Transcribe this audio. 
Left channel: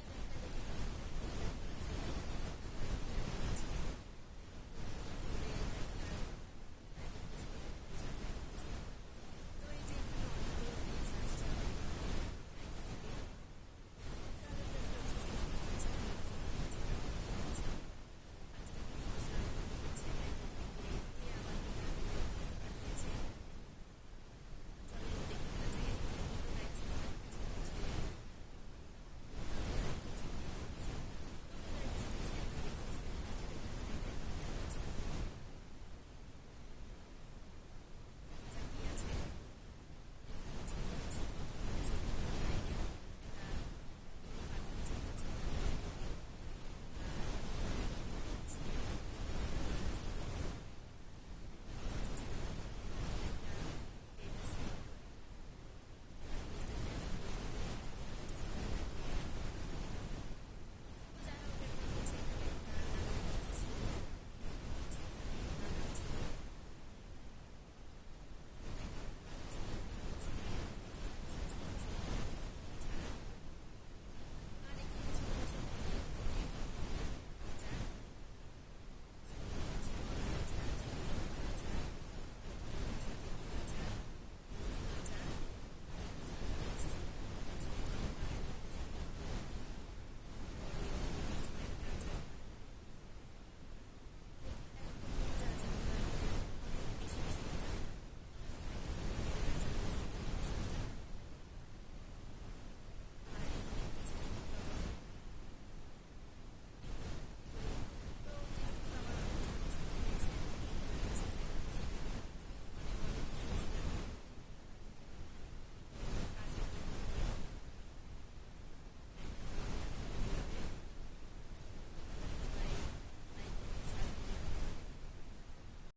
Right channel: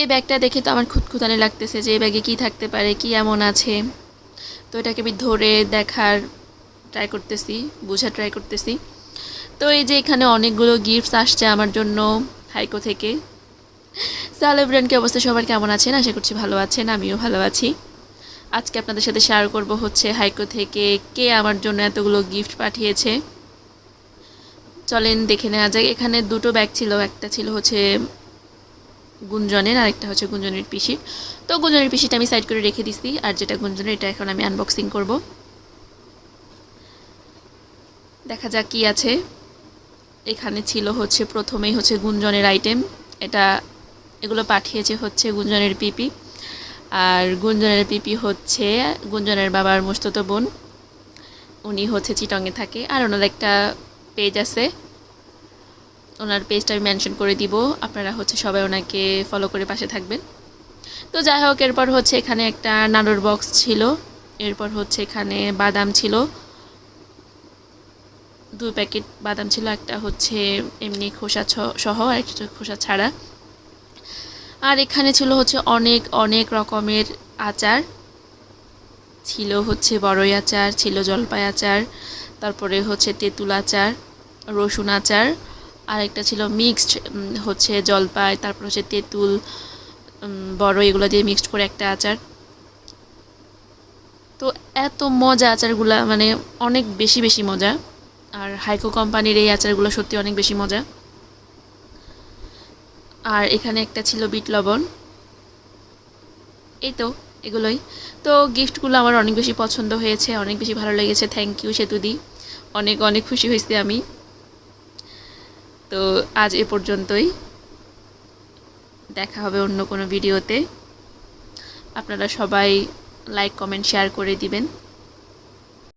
এই ব্যাগটা দেখে তো আমার খুঁতখুঁতানি লাগতেছে যে এই ব্যাগে কী থাকতে পারে, কি এমন আছে। তো এটাকে আমি ধরে দেখার ট্রাই করতেছি, বোঝার ট্রাই করতেছি। তো এই যে এখানে অনেকগুলো গিফটস আসছে আমার জন্য হাইকো থেকে। সেলিব্রেন্ট কি অবস্থা, সবার কেমন আছেন? আশা করছি ভালো আছেন, আমিও ভালো আছি। আজকে আপনাদের সাথে শেয়ার করব হচ্ছে হাইকো থেকে কে আমার জন্য এতগুলো গিফট পাঠিয়েছে। চলেন দেখে নেওয়া যায়। এখানে দুটো ব্যাগ ছিল, একটা ছিল হচ্ছে গুঞ্জনের আর একটা হচ্ছে গুঞ্জনের পিসির। তো গুঞ্জনের পিসিটা আমি সাইড করে রেখে দিছি, আর যেটা গুঞ্জনের এটা এখন আমি আনবক্সিং করব। দেখা যাক কি আছে। এখানে ছিল হচ্ছে প্রথমেই হচ্ছে গুঞ্জনের আইটেম। এটা এগুলো পাঠিয়েছে হচ্ছে গুঞ্জনের পিপি। আর গুঞ্জনের পিপি হচ্ছে গুঞ্জনের বাবার মস্তুতো বোন। উনি হচ্ছে চিটংয়ে থাকে। আর ওনার একটা পেজ আছে, ওনার পেজটা আমি মেনশন করে দিব, আপনারা হচ্ছে সবাই ওনাকে ফলো করে পাশে থাকবেন। তো যাই হোক, এরপর হচ্ছে এখানে একটা নাড়ুর বক্স ছিল। এরপর হচ্ছে এখানে বাদাম ছিল, 2 প্যাকেট বাদাম ছিল, একটা হচ্ছে এমনি খোসা সহ আর একটা খোসা ছাড়া। আর এখানে ছিল হচ্ছে অনেক অনেক রকমের আচার। ছিল হচ্ছে বড়ই আচার, ছিল জলপাই আচার, তারপরে হচ্ছে তেঁতুল আচার, রসুন আচার, আর একটা ছিল মিক্সড, হচ্ছে জলপাই, তারপর হচ্ছে তেঁতুল, বড়, এগুলো দিয়ে মিক্সড করে একটা আচার। তো এত মজা আচারগুলা, মানে অনেক বেশি বেশি মজা। আর হাইকো কোম্পানির এই আচারগুলো সত্যি অনেক বেশি মজা। আর এখানে একটা ছিল বিট লবণ। এই তো এগুলোই। তো গিফটগুলো আমার অনেক বেশি পছন্দ হয়েছে, অনেক বেশি ভালো লেগেছে। থ্যাংক ইউ সেতুদি, অনেক অনেক খুশি হয়েছি আমি। তো আজ এ পর্যন্তই, দেখা হবে অন্য কোনো ভিডিওতে। আপনারা সবাই লাইক কমেন্ট শেয়ার করে দিবেন।